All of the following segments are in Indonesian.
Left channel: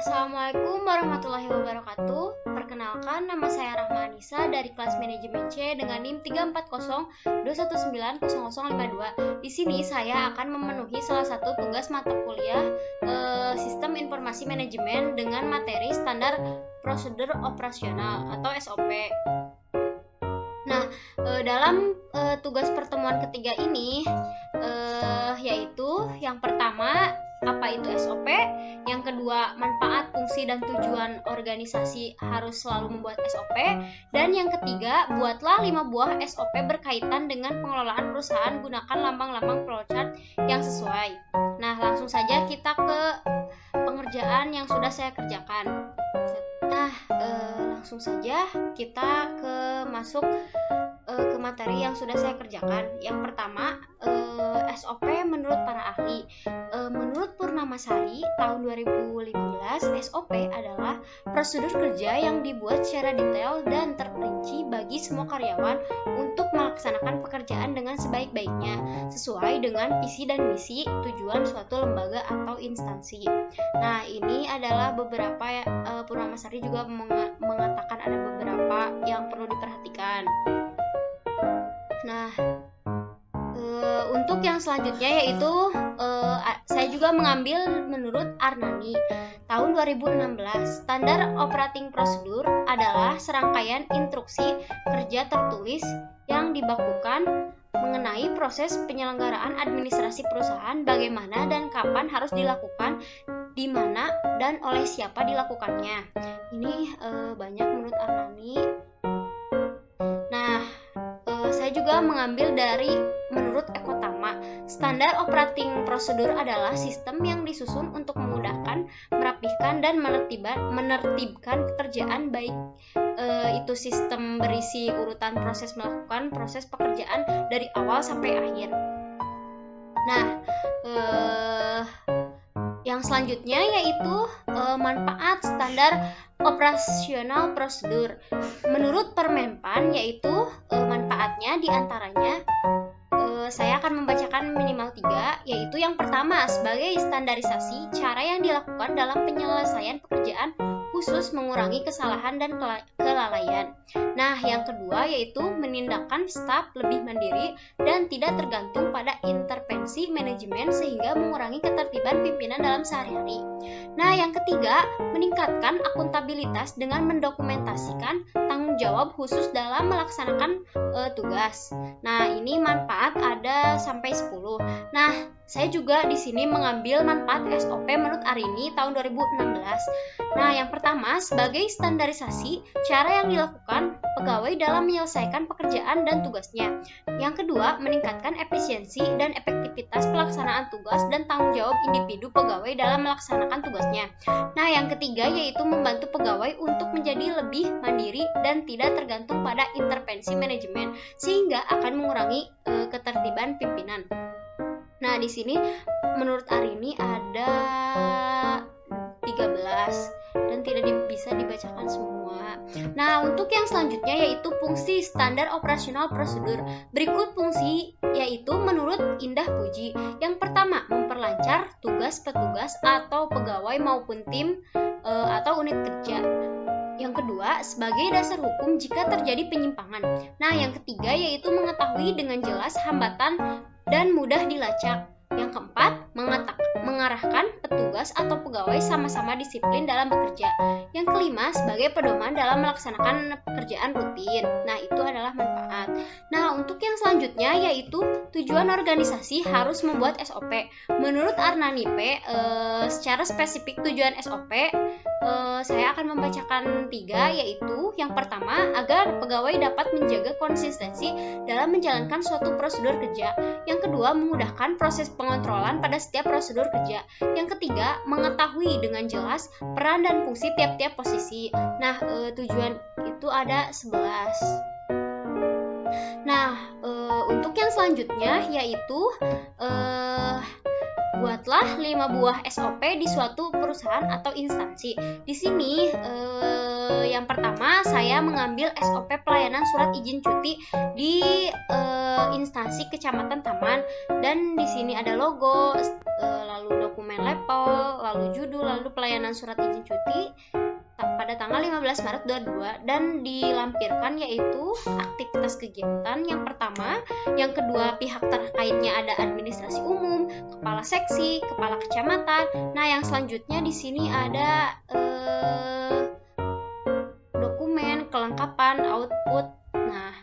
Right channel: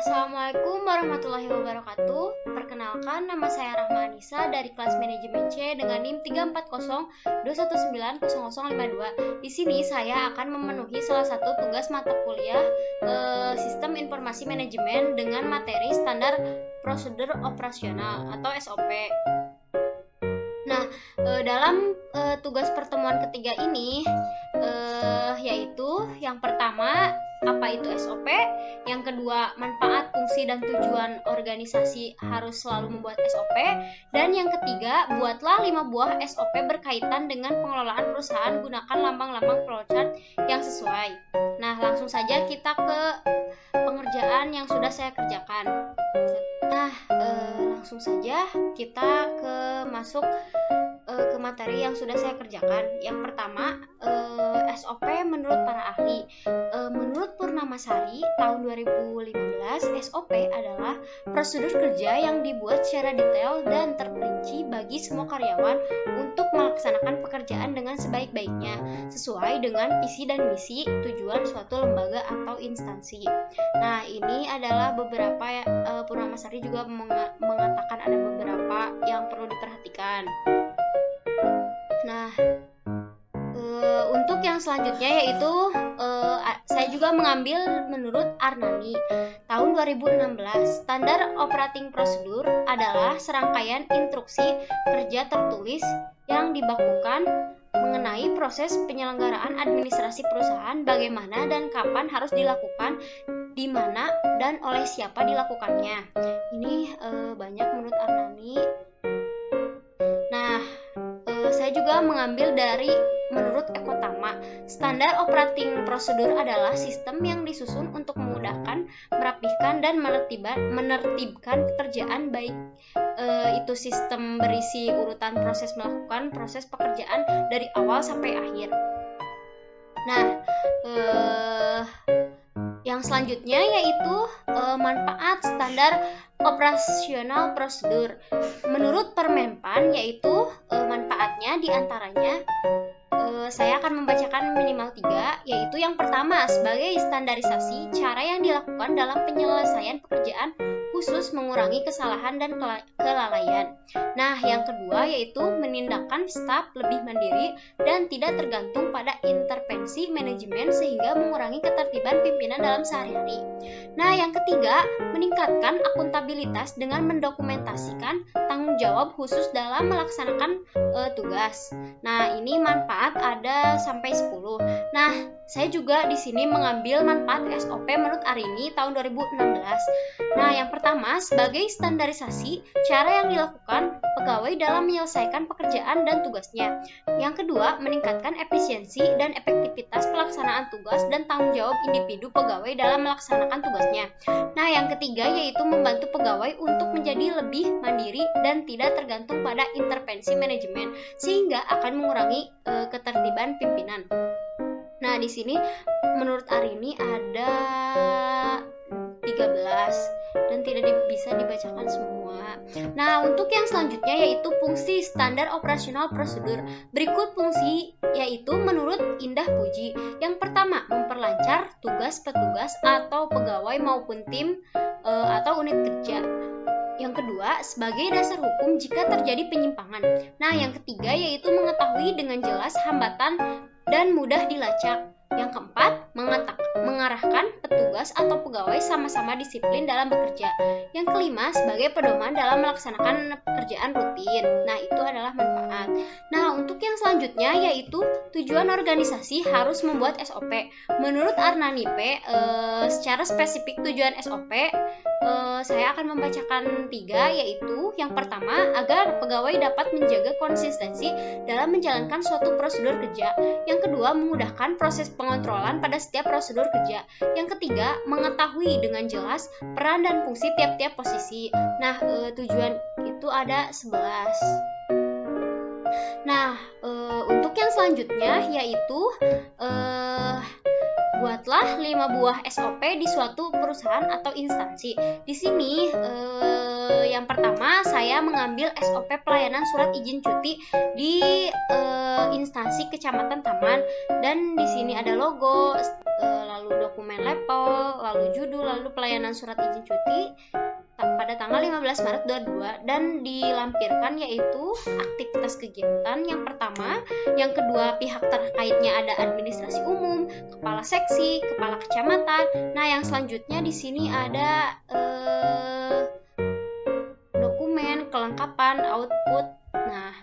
Assalamualaikum warahmatullahi wabarakatuh. Perkenalkan, nama saya Rahma Anissa dari kelas manajemen C dengan NIM 34021900052. Di sini saya akan memenuhi salah satu tugas mata kuliah Sistem Informasi Manajemen dengan materi Standar Prosedur Operasional atau SOP. Nah, dalam tugas pertemuan ketiga ini yaitu yang pertama, apa itu SOP, yang kedua, manfaat, fungsi, dan tujuan organisasi harus selalu membuat SOP, dan yang ketiga, buatlah 5 buah SOP berkaitan dengan pengelolaan perusahaan, gunakan lambang-lambang flowchart yang sesuai. Nah, langsung saja kita ke pengerjaan yang sudah saya kerjakan. Nah, langsung saja kita masuk ke materi yang sudah saya kerjakan. Yang pertama, SOP menurut para ahli. Menurut Purnamasari tahun 2015, SOP adalah prosedur kerja yang dibuat secara detail dan terperinci bagi semua karyawan untuk melaksanakan pekerjaan dengan sebaik-baiknya, sesuai dengan visi dan misi tujuan suatu lembaga atau instansi. Nah, ini adalah beberapa Purnamasari juga mengatakan ada beberapa yang perlu diperhatikan. Nah, untuk yang selanjutnya yaitu saya juga mengambil menurut Arnani tahun 2016. Standar Operating Procedure adalah serangkaian instruksi kerja tertulis yang dibakukan mengenai proses penyelenggaraan administrasi perusahaan, bagaimana dan kapan harus dilakukan, di mana dan oleh siapa dilakukannya. Ini banyak menurut Arnani. Nah, saya juga mengambil dari menurut Ekotama. Standar Operating Procedure adalah sistem yang disusun untuk memudahkan, merapihkan, dan menertibkan pekerjaan, baik itu sistem berisi urutan proses melakukan proses pekerjaan dari awal sampai akhir. Nah, yang selanjutnya yaitu manfaat standar operasional prosedur. Menurut Permenpan yaitu manfaatnya diantaranya saya akan membacakan minimal 3, yaitu yang pertama, sebagai standarisasi cara yang dilakukan dalam penyelesaian pekerjaan, khusus mengurangi kesalahan dan kelalaian. Nah, yang kedua yaitu menindakkan staf lebih mandiri dan tidak tergantung pada intervensi manajemen sehingga mengurangi ketertiban pimpinan dalam sehari-hari. Nah, yang ketiga, meningkatkan akuntabilitas dengan mendokumentasikan tanggung jawab khusus dalam melaksanakan tugas. Nah, ini manfaat ada sampai 10. Nah, saya juga di sini mengambil manfaat SOP menurut Arini tahun 2016. Nah, yang pertama, sebagai standarisasi cara yang dilakukan pegawai dalam menyelesaikan pekerjaan dan tugasnya. Yang kedua, meningkatkan efisiensi dan efektivitas pelaksanaan tugas dan tanggung jawab individu pegawai dalam melaksanakan tugasnya. Nah, yang ketiga yaitu membantu pegawai untuk menjadi lebih mandiri dan tidak tergantung pada intervensi manajemen, sehingga akan mengurangi ketertiban pimpinan. Nah, di sini menurut Arini ada 13 dan tidak bisa dibacakan semua. Nah, untuk yang selanjutnya yaitu fungsi standar operasional prosedur. Berikut fungsi yaitu menurut Indah Puji. Yang pertama, memperlancar tugas petugas atau pegawai maupun tim atau unit kerja. Yang kedua, sebagai dasar hukum jika terjadi penyimpangan. Nah, yang ketiga yaitu mengetahui dengan jelas hambatan dan mudah dilacak. Yang keempat, mengarahkan petugas atau pegawai sama-sama disiplin dalam bekerja. Yang kelima, sebagai pedoman dalam melaksanakan pekerjaan rutin. Nah, itu adalah manfaat. Nah, untuk yang selanjutnya yaitu tujuan organisasi harus membuat SOP. Menurut Arnani P, secara spesifik tujuan SOP, saya akan membacakan 3, yaitu yang pertama, agar pegawai dapat menjaga konsistensi dalam menjalankan suatu prosedur kerja. Yang kedua, memudahkan proses pengontrolan pada setiap prosedur kerja. Yang ketiga, mengetahui dengan jelas peran dan fungsi tiap-tiap posisi. Nah, tujuan itu ada 11. Nah, untuk yang selanjutnya yaitu buatlah 5 buah SOP di suatu perusahaan atau instansi. Di sini yang pertama saya mengambil SOP pelayanan surat izin cuti di instansi Kecamatan Taman, dan di sini ada logo, lalu dokumen dokumen LEPOL, lalu judul, lalu pelayanan surat izin cuti pada tanggal 15 Maret 2022 dan dilampirkan yaitu aktivitas kegiatan yang pertama, yang kedua pihak terkaitnya ada administrasi umum, kepala seksi, kepala kecamatan. Nah, yang selanjutnya di sini ada dokumen, kelengkapan, output. Nah,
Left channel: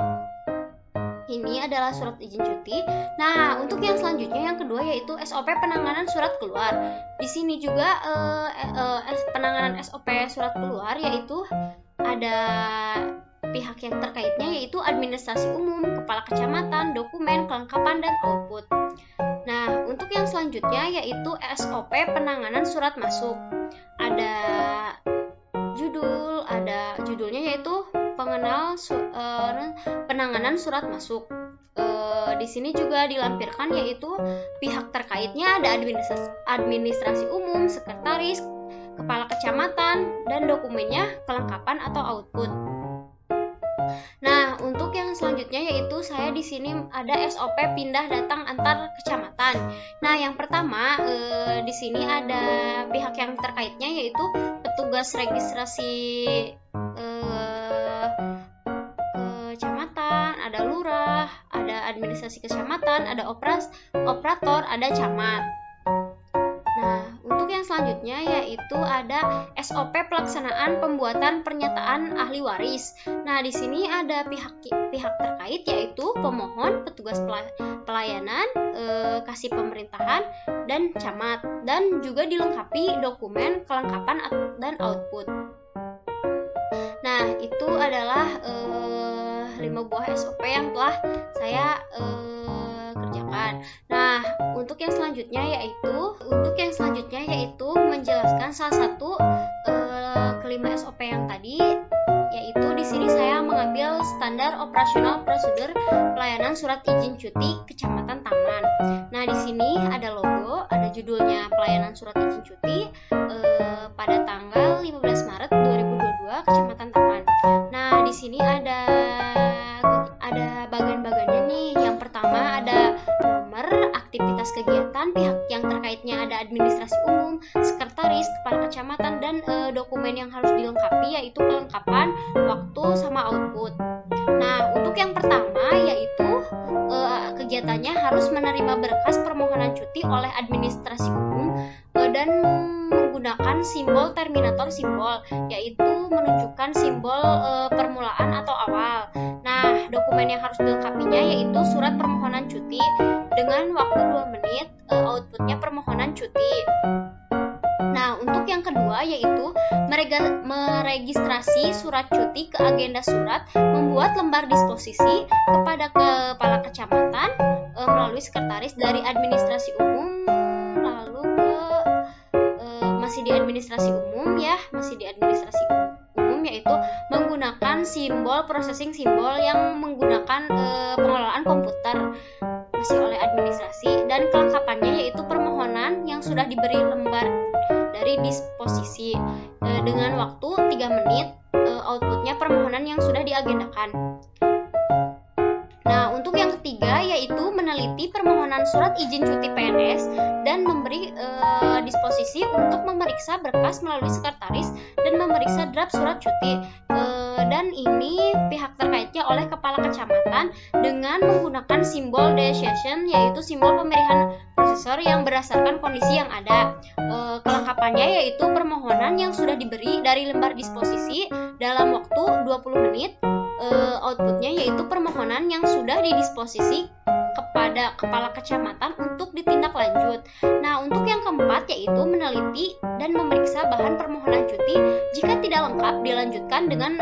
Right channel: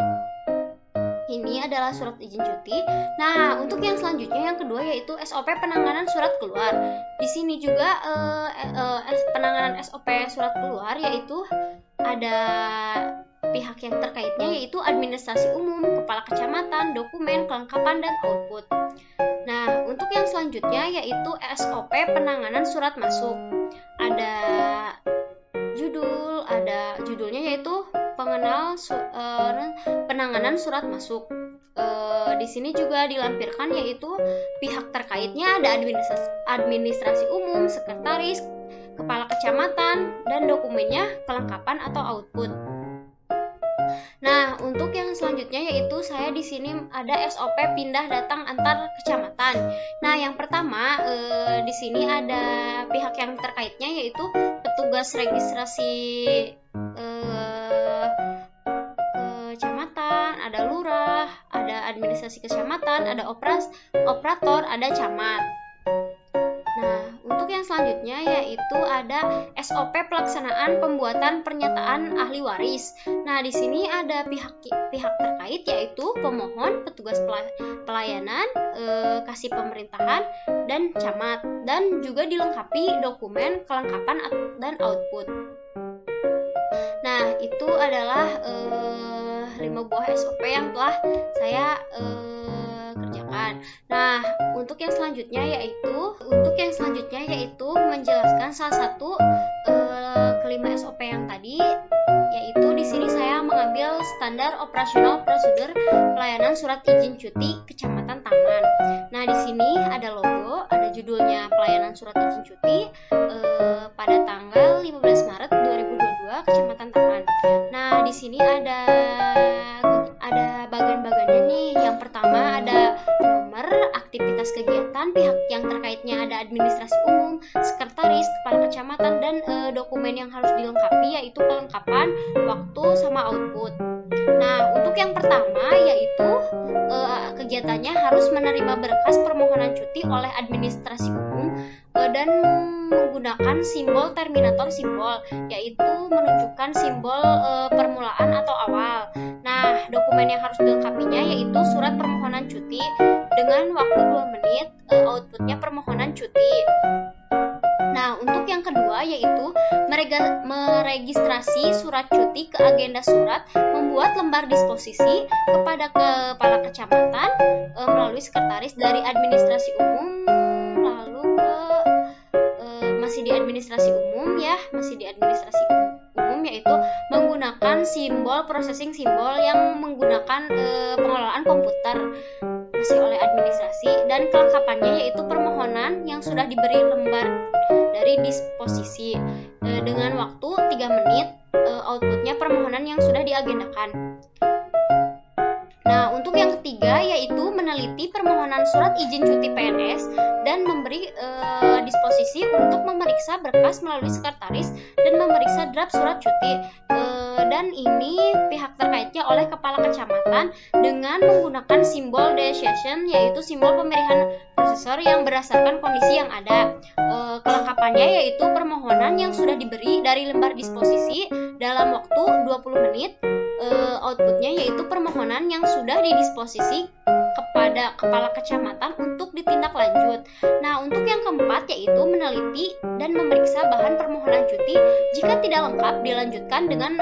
ini adalah surat izin cuti. Nah, untuk yang selanjutnya yang kedua yaitu SOP penanganan surat keluar. Di sini juga penanganan SOP surat keluar yaitu ada pihak yang terkaitnya yaitu administrasi umum, kepala kecamatan, dokumen, kelengkapan, dan output. Nah, untuk yang selanjutnya yaitu SOP penanganan surat masuk. Ada judulnya yaitu penanganan surat masuk. Di sini juga dilampirkan yaitu pihak terkaitnya ada administrasi umum, sekretaris, kepala kecamatan, dan dokumennya kelengkapan atau output. Nah, untuk yang selanjutnya yaitu saya di sini ada SOP pindah datang antar kecamatan. Nah, yang pertama di sini ada pihak yang terkaitnya yaitu petugas registrasi kecamatan, ada lurah, ada administrasi kecamatan, ada operator, ada camat. Nah, untuk yang selanjutnya yaitu ada SOP pelaksanaan pembuatan pernyataan ahli waris. Nah, di sini ada pihak terkait yaitu pemohon, petugas pelayanan, kasih pemerintahan, dan camat, dan juga dilengkapi dokumen kelengkapan dan output. Nah, itu adalah 5 buah SOP yang telah saya kerjakan. Nah, untuk yang selanjutnya yaitu menjelaskan salah satu kelima SOP yang tadi, yaitu di sini saya mengambil standar operasional prosedur pelayanan surat izin cuti Kecamatan Taman. Nah, di sini ada logo, ada judulnya pelayanan surat izin cuti pada tanggal 15 Maret 2022 Kecamatan Taman. Nah, di sini ada bagian-bagiannya nih. Yang pertama ada nomor, aktivitas kegiatan, pihak yang terkaitnya ada administrasi umum, sekretaris, kepala kecamatan, dan dokumen yang harus dilengkapi yaitu kelengkapan, waktu, sama output. Nah, untuk yang pertama yaitu kegiatannya harus menerima berkas permohonan cuti oleh administrasi umum dan menggunakan simbol terminator simbol, yaitu menunjukkan simbol permulaan atau awal. Nah, dokumen yang harus dilengkapinya yaitu surat permohonan cuti dengan waktu 2 menit, outputnya permohonan cuti. Nah, untuk yang kedua yaitu meregistrasi surat cuti ke agenda surat, membuat lembar disposisi kepada kepala kecamatan melalui sekretaris dari administrasi umum, lalu masih di administrasi umum yaitu menggunakan simbol processing simbol yang menggunakan pengelolaan komputer, masih oleh administrasi, dan kelengkapannya yaitu permohonan yang sudah diberi lembar dari disposisi dengan waktu 3 menit, outputnya permohonan yang sudah diagendakan. Nah, untuk yang ketiga yaitu meneliti permohonan surat izin cuti PNS dan memberi disposisi untuk memeriksa berkas melalui sekretaris dan memeriksa draft surat cuti. Dan ini pihak terkaitnya oleh kepala kecamatan dengan menggunakan simbol decision, yaitu simbol pemilihan prosesor yang berdasarkan kondisi yang ada. Kelengkapannya yaitu permohonan yang sudah diberi dari lembar disposisi dalam waktu 20 menit, outputnya yaitu permohonan yang sudah didisposisi kepada kepala kecamatan untuk ditindaklanjut. Nah, untuk yang keempat yaitu meneliti dan memeriksa bahan permohonan cuti. Jika tidak lengkap, dilanjutkan dengan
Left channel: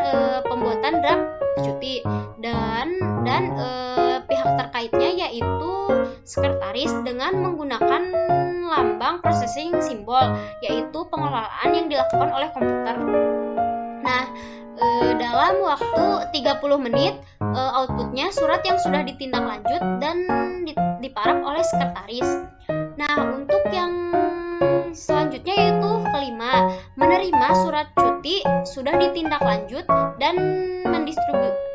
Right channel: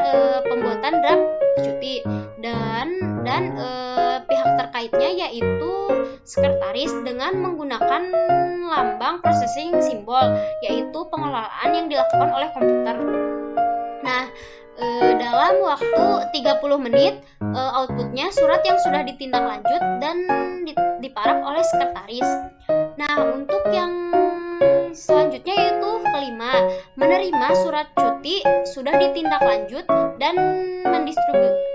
pembuatan draft cuti dan pihak terkaitnya yaitu sekretaris dengan menggunakan lambang processing simbol, yaitu pengelolaan yang dilakukan oleh komputer. Nah, dalam waktu 30 menit outputnya surat yang sudah ditindaklanjut dan diparaf oleh sekretaris. Nah, untuk yang selanjutnya yaitu kelima, menerima surat cuti sudah ditindaklanjut dan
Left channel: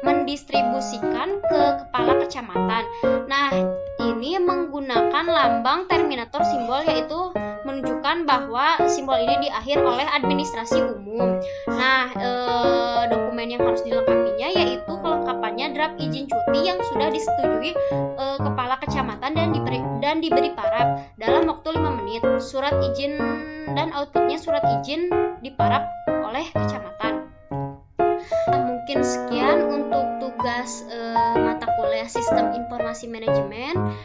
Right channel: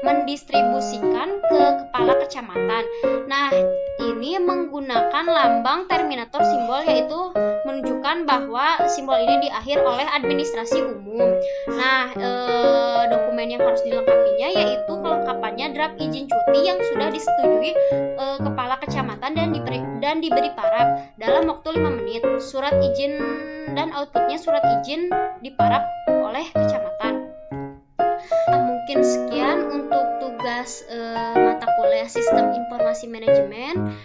mendistribusikan ke kepala kecamatan. Nah, ini menggunakan lambang terminator simbol, yaitu menunjukkan bahwa simbol ini diakhir oleh administrasi umum. Nah, dokumen yang harus dilengkapinya yaitu kelengkapannya draft izin cuti yang sudah disetujui kepala kecamatan dan diberi paraf dalam waktu 5 menit. Surat izin dan outputnya surat izin diparaf oleh kecamatan. Mungkin sekian untuk tugas mata kuliah Sistem Informasi Manajemen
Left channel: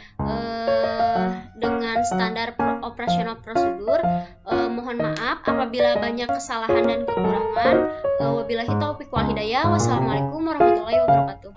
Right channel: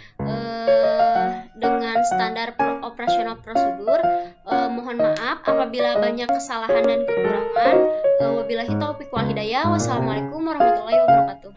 dengan standar operasional prosedur. Mohon maaf apabila banyak kesalahan dan kekurangan. Wabillahi taufiq wal hidayah. Wassalamualaikum warahmatullahi wabarakatuh.